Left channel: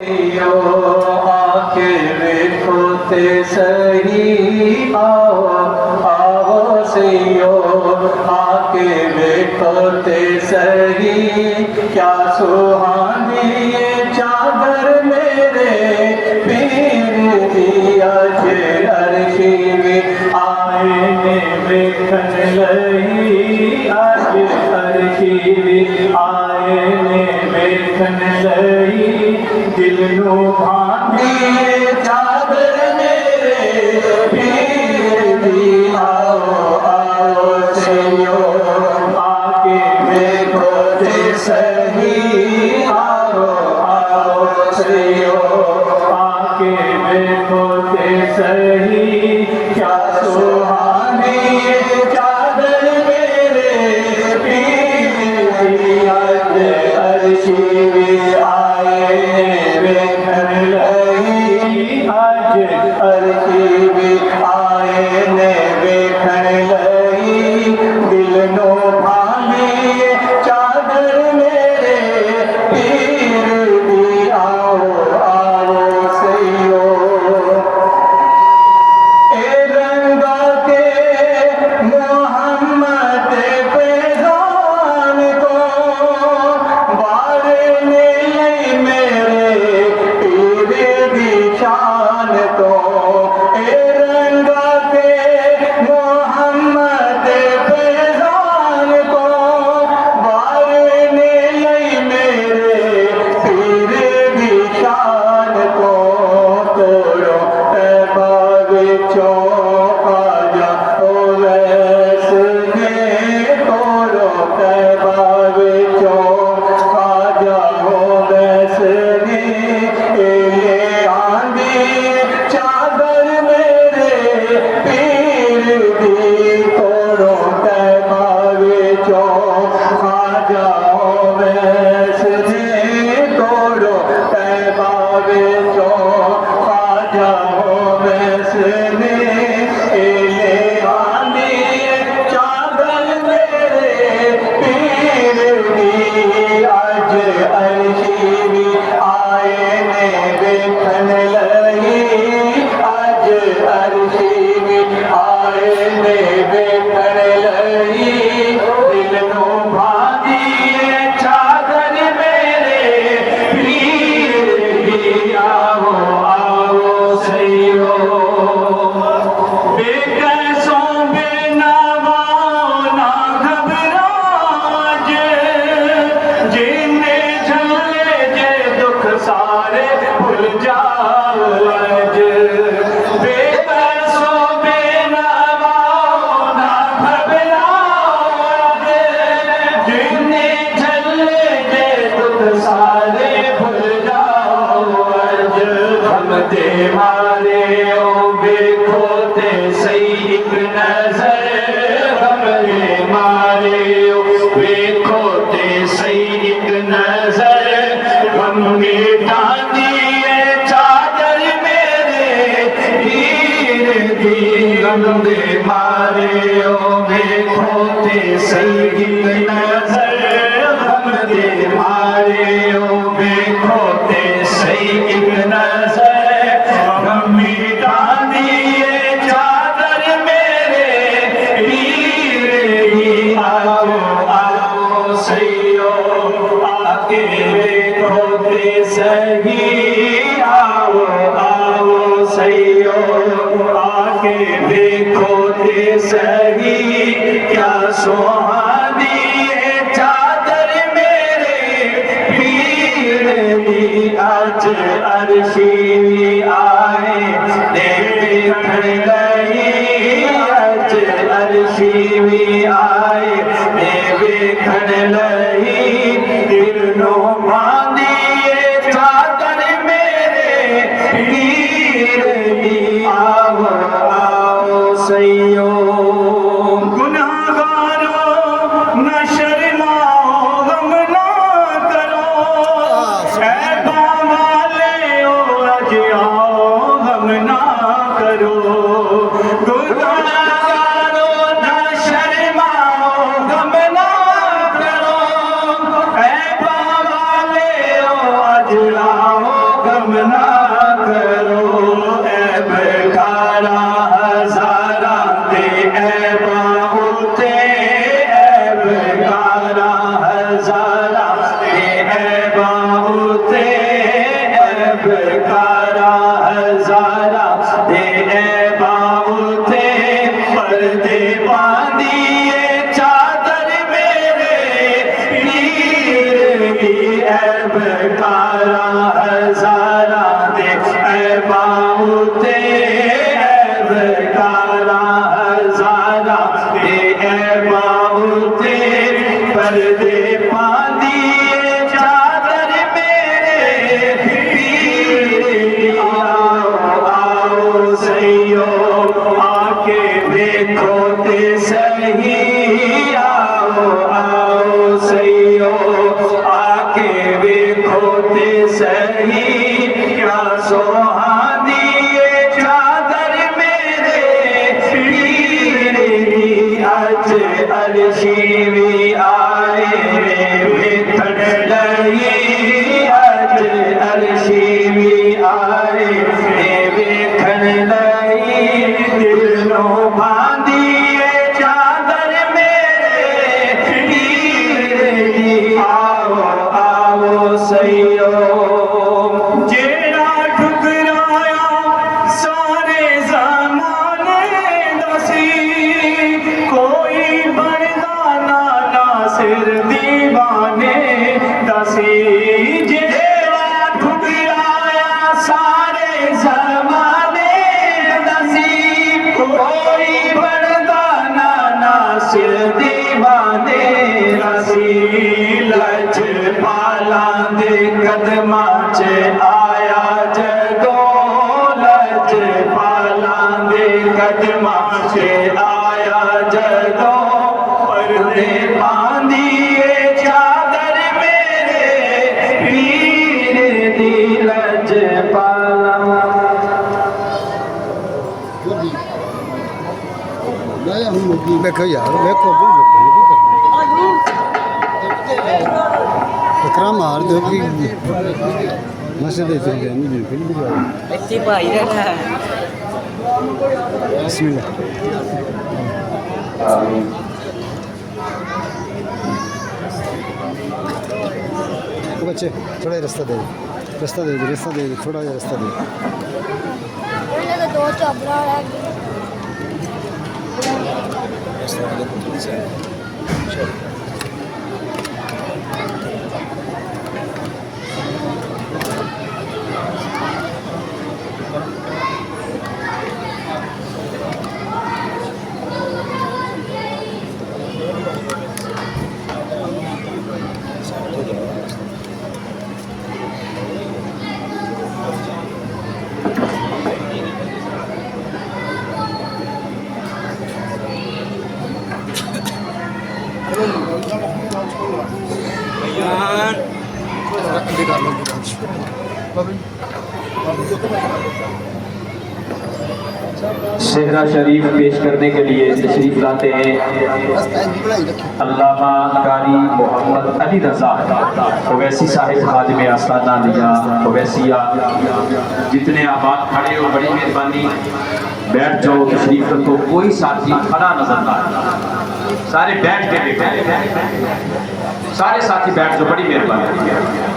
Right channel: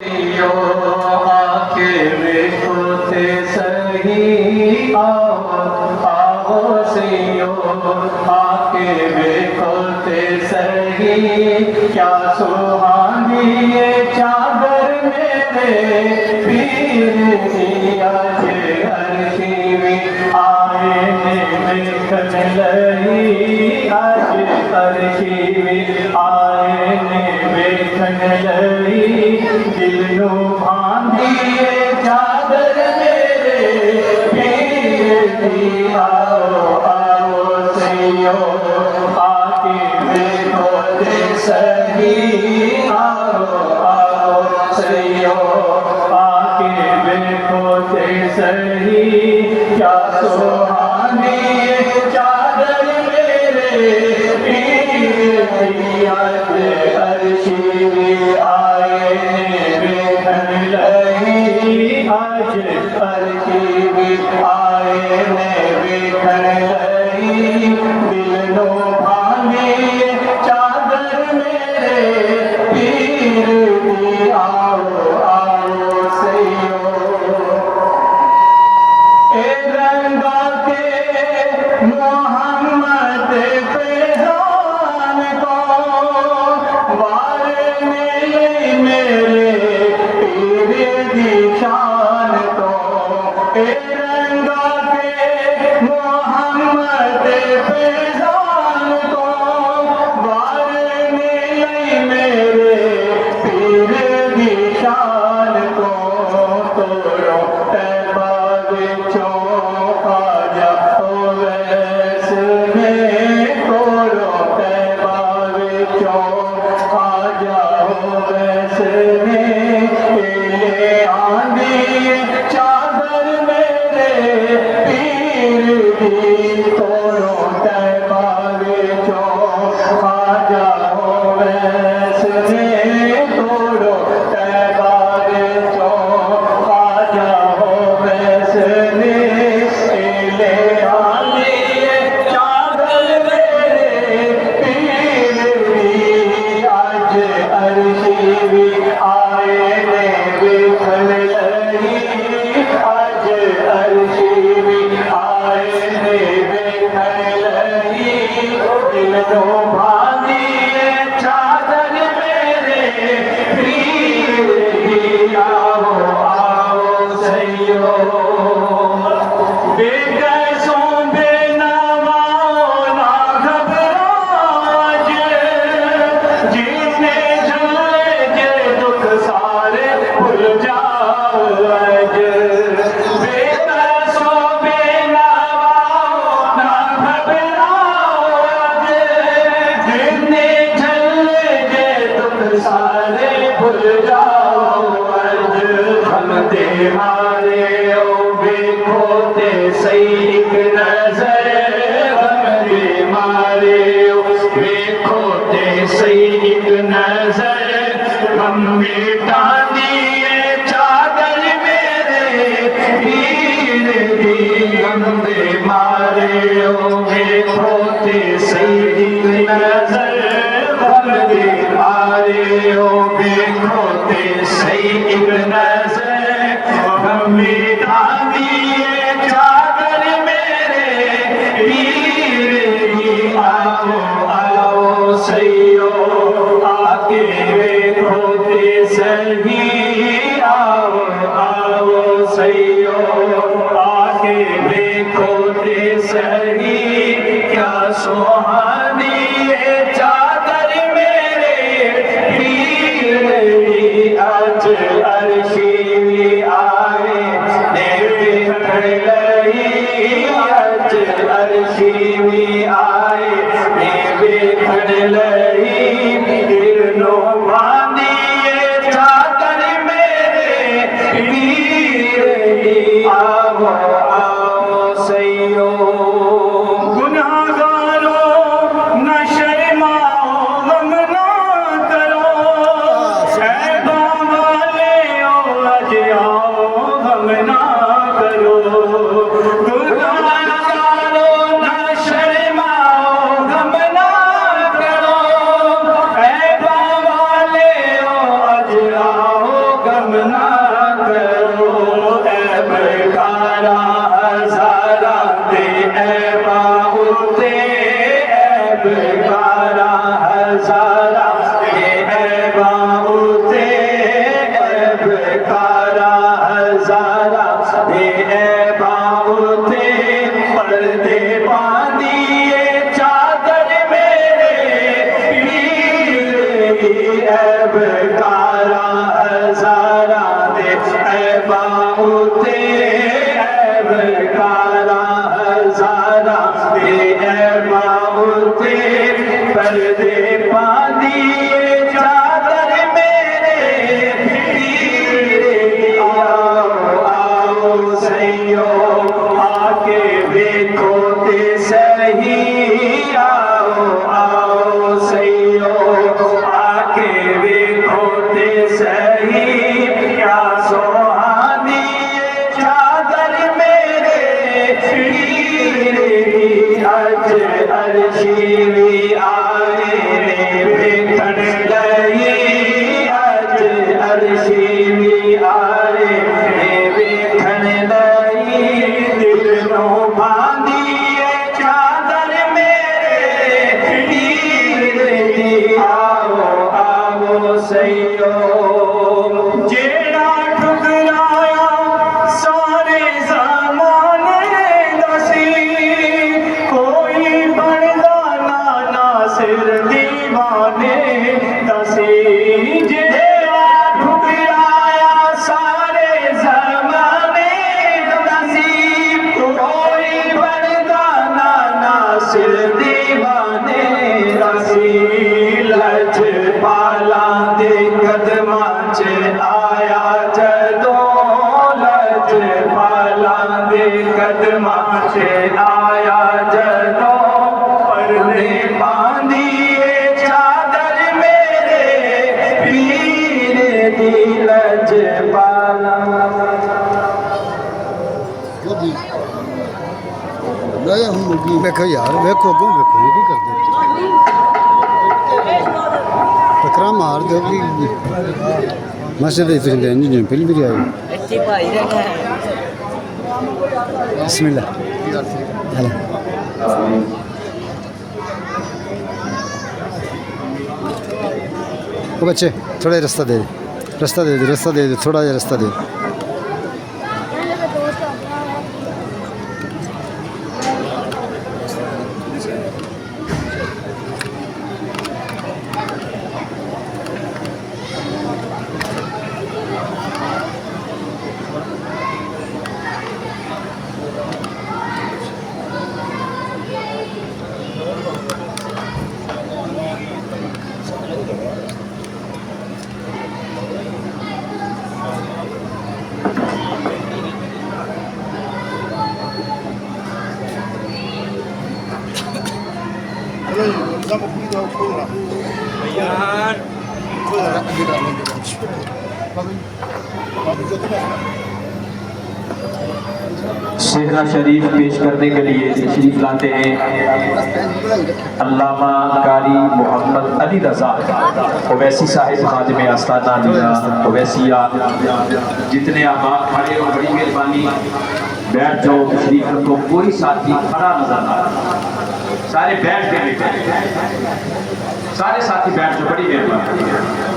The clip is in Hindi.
यो आके देखो ते सही आओ आओ सैयो आके देखो ते सही क्या सुहानी ये चादर मेरे पीर की आज अर्शी में आए ने देखन लई आज अर्शी में आए ने देखन लई दिल नो बांधिए चादर मेरे पीर दी आओ आओ सैयो आके देखो ते सही आओ आओ सैयो आके देखो ते सही क्या सुहानी चादर मेरे पीर दी आज अर्शी में आए देखन लई आज अर्शी में आए ने देखन लई दिल नो भांगी चादर मेरे पीर दी आओ आओ सैयो ए रंगा के मोहम्मद फैजान को वारने लई मेरे पीर दी शान तो ए रंगा के मोहम्मद फैजान को वारने लई मेरे पीर दी शान को तोड़ो तैबा विचों खाजा ओ वैसने तोड़ो तैबा विचों खाजा ओ वैसने ले आंदी चादर मेरे पीर दी तोड़ो तैबा विचों खाजा ओ वैसने तोड़ो तैबा विचों खाजा ओ वैसने ले आंदी चादर मेरे पीर दी आज अर्शी में आए ने देखन लई आज अर्शी में आए ने देखन लई दिल नो भांधिए चादर मेरे पीर दी आओ आओ सैयो बेकसों बेनवाओं ना घबराज जिन्ने झल्ले जे दुख सारे भूल जाओ आज बेकसों बेनवाओं ना घबराओ आज जिन्ने झल्ले जे दुख सारे भूल जाओ आज हम दे मारे ओ देखो ते सही एक नजर हम दे मारे ओ देखो ते सही एक नजर हम मिटा दिए चादर मेरे पीर दी हम दे मारे ओ देखो ते सही एक नजर हम दे मारे ओ देखो ते सही एक नजर हम मिटा दिए चादर मेरे पीर दी आओ आओ सैयो आके देखो ते सही आओ आओ सैयो आके देखो ते सही क्या सुहानी ये चादर मेरे पीर दी आज अर्शी में आए देखन लई आज अर्शी में आए देखन लई दिल नो बांधिए चादर मेरे पीर दी आओ आओ सैयो गुनहगारों न शर्माओ गम ना करो ऐबा वाले ओ ना करो ऐब कारा हजारा दे ऐबा उते ऐब कारा हजारा दे ऐबा उते ऐब कारा हजारा दे ऐबा उते पर्दे बांधिए चादर मेरे पीर की ऐब कारा हजारा दे ऐबा उते ऐब कारा हजारा दे ऐबा उते पर्दे बांधिए चादर मेरे पीर की आओ आओ सैयो आके देखो ते सही आओ आओ सैयो आके देखो ते सही क्या सुहानी ये चादर मेरे पीर की अज अर्शी भी आए वेखण लई अज अर्शी भी आए वेखण लई दिलों बांधिए चादर मेरे पीर की आओ आओ सैयो जेड़ा ठुकराया सारे ज़माने दसी कोई बनदा ना नासिर दीवाने दसी जेड़ा ठुकराया सारे ज़माने दसी कोई बनदा ना नासिर दीवाने दसी लज पाला दे कदमां च आया जदों लज पाला दे कदमां च आया जदों पर्दे बांधिए चादर मेरे पीर दी लज पाला देखो यार देखो तुम देखो ये भी कर दो टकरा मार दो कि मस्जिद इधर ले नहीं फिर भी आई ਇੱਥੇ ਭਾਈ ਰਹਿੰਦਾ ਹੈ बिस्मिल्लाह ओ बच्चे थोड़ा रास्ता दे थोड़ा रास्ता दे शेखरा शरीफ पेश करने के लिए तशरीफ लाते हैं अल्लामा कारी मोहम्मद अली रजा ओवैसी साहिब खादिम आस्ताना नीना ओवैसिया जितने आबाद खड़े हो बड़ी मेहरबानी बैठ जाओ तशरीफ रखो कोई साथी खड़ा नजर ना आए सारे बैठ के बैठे सारे साथी बैठ जाओ बड़ी मेहरबानी